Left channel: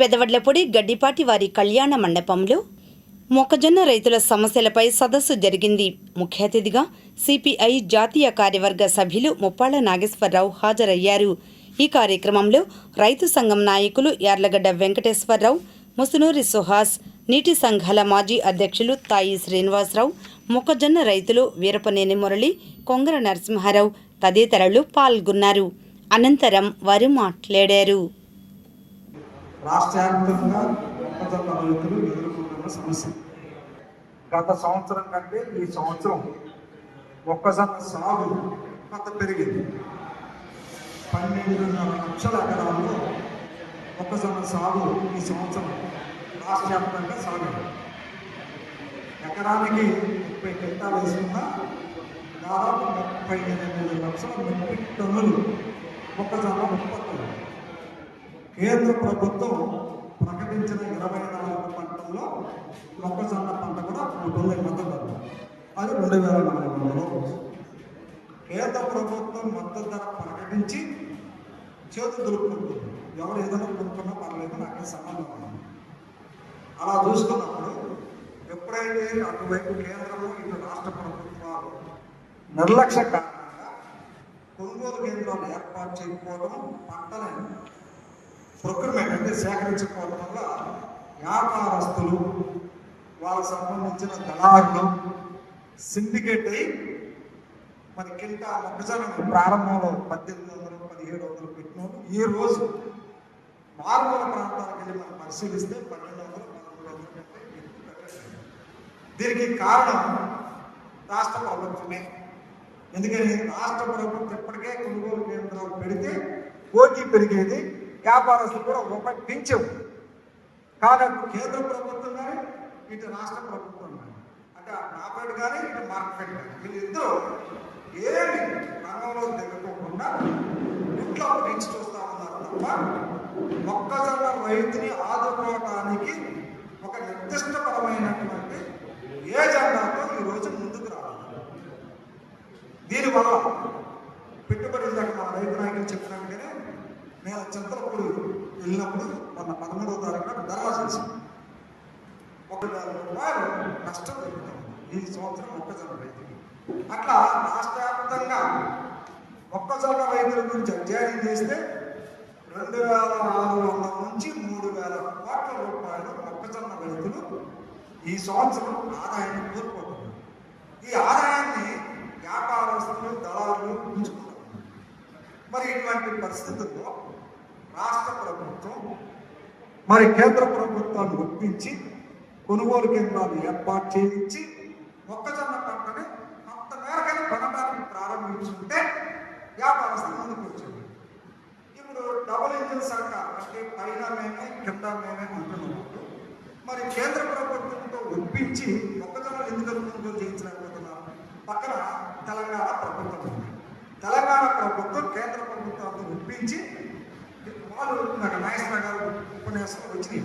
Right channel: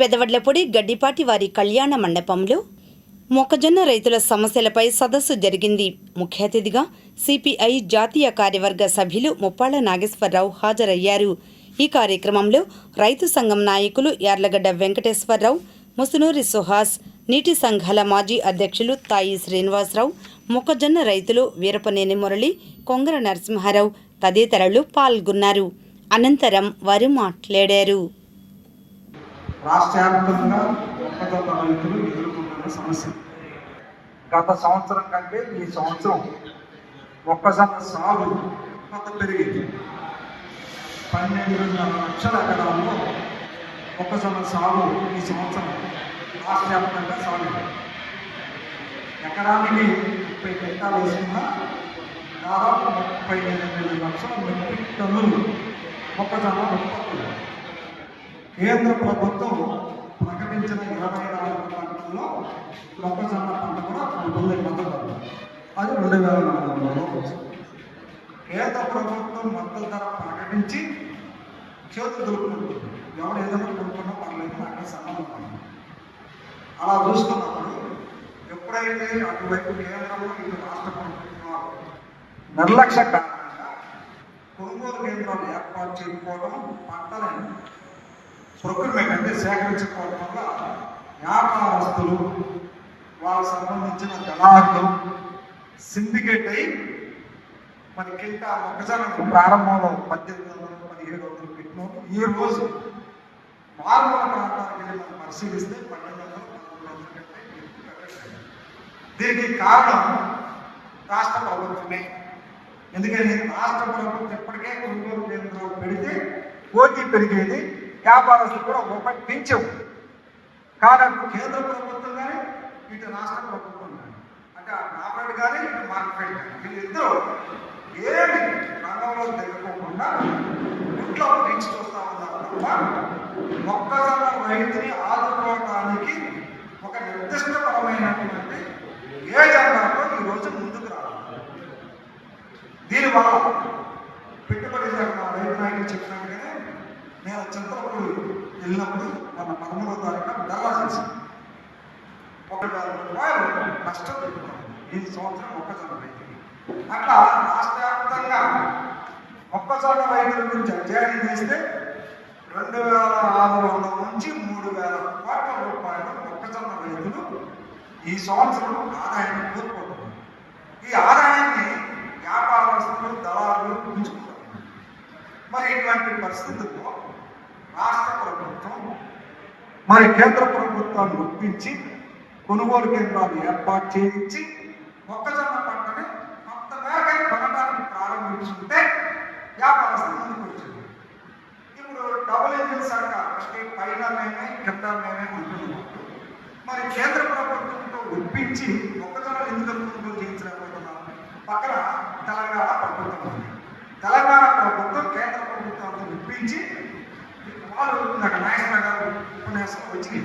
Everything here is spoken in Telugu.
పెదవడ్లపొడి గడ్డిపాటి వారి కళ్యాణ మండపంలో మొక్కజొన్న రైతుల సమస్యలపై సదస్సు జరిగింది. ముఖ్య అతిథిగా సిపిఐ జాతీయ కార్యవర్గ సభ్యులు ముప్పాళ్ల నాగేశ్వరరావు హాజరయ్యారు. ఈ కార్యక్రమంలో రైతు సంఘం నాయకులు యార్లగడ్డ వెంకటేశ్వరరావు, ముసునూరి సుహాస్, నీటి సంఘాల మాజీ అధ్యక్షులు తాయి శ్రీనివాసరావు, మొక్కజొన్న రైతులు వీరపనేని మురళి, కొంగర నరసింహారావు తదితరులు పాల్గొన్నారు. అనంతరం వారు మాట్లాడారు. రాష్ట్ర వ్యాప్తంగా మొక్కజొన్న రైతులు ఎదుర్కొంటున్న సమస్య గత సంవత్సరం కంటే ఈ సంవత్సరం మొక్కజొన్న సాగు కొంత పెరిగింది. 12.5 లక్షల ఎకరాల్లో మొక్కజొన్న సాగు ఈ సంవత్సరం రాష్ట్ర వ్యాప్తంగా సాగు. ఎకరానికి 30 క్వింటాలు వేసుకున్న దాదాపు 38 లక్షల మెట్రిక్ టన్నులు మొక్కజొన్న ఉత్పత్తులు. కేంద్ర ప్రభుత్వం ప్రకటించిన 24 పంటల్లో మొక్కజొన్న పంట కూడా మొదలు అది 2004లో. కేంద్ర ప్రభుత్వం మద్దతు ధర ప్రకటించి చేతులు దొరుకుతుంది. ఎవరు ఏదైనా కొనుక్కున్నా పర్లేదు, అక్కడ సంబంధం. అలా చూసుకున్నప్పుడు ఎప్పుడైతే అటువైపు కేంద్రంలో ఇటు రాష్ట్ర ప్రభుత్వాలు నిర్లక్ష్య కారణంగా కొనుగోలు కేంద్రాలు ఏర్పాటు చేయకపోవడం, పంటలను ప్రొక్యూర్మెంట్ అంటే సేకరించుకోవడం వల్ల వ్యాపారస్తులు, వాళ్ళకు సంబంధించిన దళారులు సిండికేట్ అయి మన కింద మొక్కజొన్న ప్రారంభంలో 1800, 1700 పెట్టినప్పుడు ఈ రోజు మారుమూల ప్రాంతాలకు వెళ్ళి మనం పరిశీలిస్తే 1200, 1300 కంటే. దీనికి కారణం రాష్ట్ర ప్రభుత్వమే. ఎందుకని రాష్ట్ర ప్రభుత్వం ఇప్పటికే కొనుగోలు కేంద్రాలు పెడితే పోటీ పెరిగేది, వ్యాపారస్తులు కూడా రూపాయి పెంచవు. కానీ కేంద్ర ప్రభుత్వం కానీ ఇటు రాష్ట్ర ప్రభుత్వం కానీ, అంటే నాబార్డు కానీ ఇటు మార్కెట్ కానీ, వీళ్ళిద్దరూ ఏమి రంగంలో తిరగకుండా ఇంట్లో లింక్స్ చూస్తూ ఉన్నారు తప్ప మొక్కజొన్న రైతుని ఆదుకోవడానికి ఒక నిర్దిష్టపరమైనటువంటి ఏజెండాతో ఈరోజు ముందుకు రావాలి. దీనివల్ల పెట్టుబడి రైతు నాయకులు చెప్పినట్టుగానే నేను చింతలపూడి వెళ్ళినప్పుడు మన 13వ తారీఖున ధర్నా చేశాను. 1,000 రూపాయలు నష్టం పెట్టుకున్నాను ఈ సంవత్సరం మొక్కజొన్న రైతులు. అట్లా రాష్ట్ర వ్యాప్తంగా మొక్కజొన్న రైతుల గురించి అధ్యయనం చేస్తే 2,600 నుంచి 3,000 కోట్ల రూపాయలు మొక్కజొన్న రైతులు ఈ సంవత్సరం ఆదాయాన్ని కోల్పోతున్నారు. ఈ ఆదాయాన్ని వ్యాపారస్తులు, దళారులు ఉంచుకుంటారు. మరి ఇటువంటి పరిస్థితుల్లో రాష్ట్ర ప్రభుత్వం మరి కేంద్ర ప్రభుత్వాన్ని ఒప్పించి కొనుగోలు కేంద్రాలు ఏర్పాటు చేయించి మొక్కజొన్న పంటని కొంత మేరకై కొనడానికి ప్రారంభించుకుంటే వ్యాపారస్తులు ముందుకు వచ్చింది. ఇప్పుడు డబుల్ ఇంజిన్ సర్కార్ అంటే పైన మేమే కింద మేమే అంటున్నాం. మరి కేంద్ర ప్రభుత్వంతో ఒప్పించి మొక్కజొన్నలు ఎందుకు కొనుగోలు చేయించలేకపోతున్నాం? పక్కన తెలంగాణ ప్రభుత్వం ఉంది. తెలంగాణ ప్రభుత్వం కేంద్ర ప్రభుత్వాన్ని ఒప్పించి వాళ్ళు నాకు నాయకులు ఉపన్యాసం వచ్చినాయి.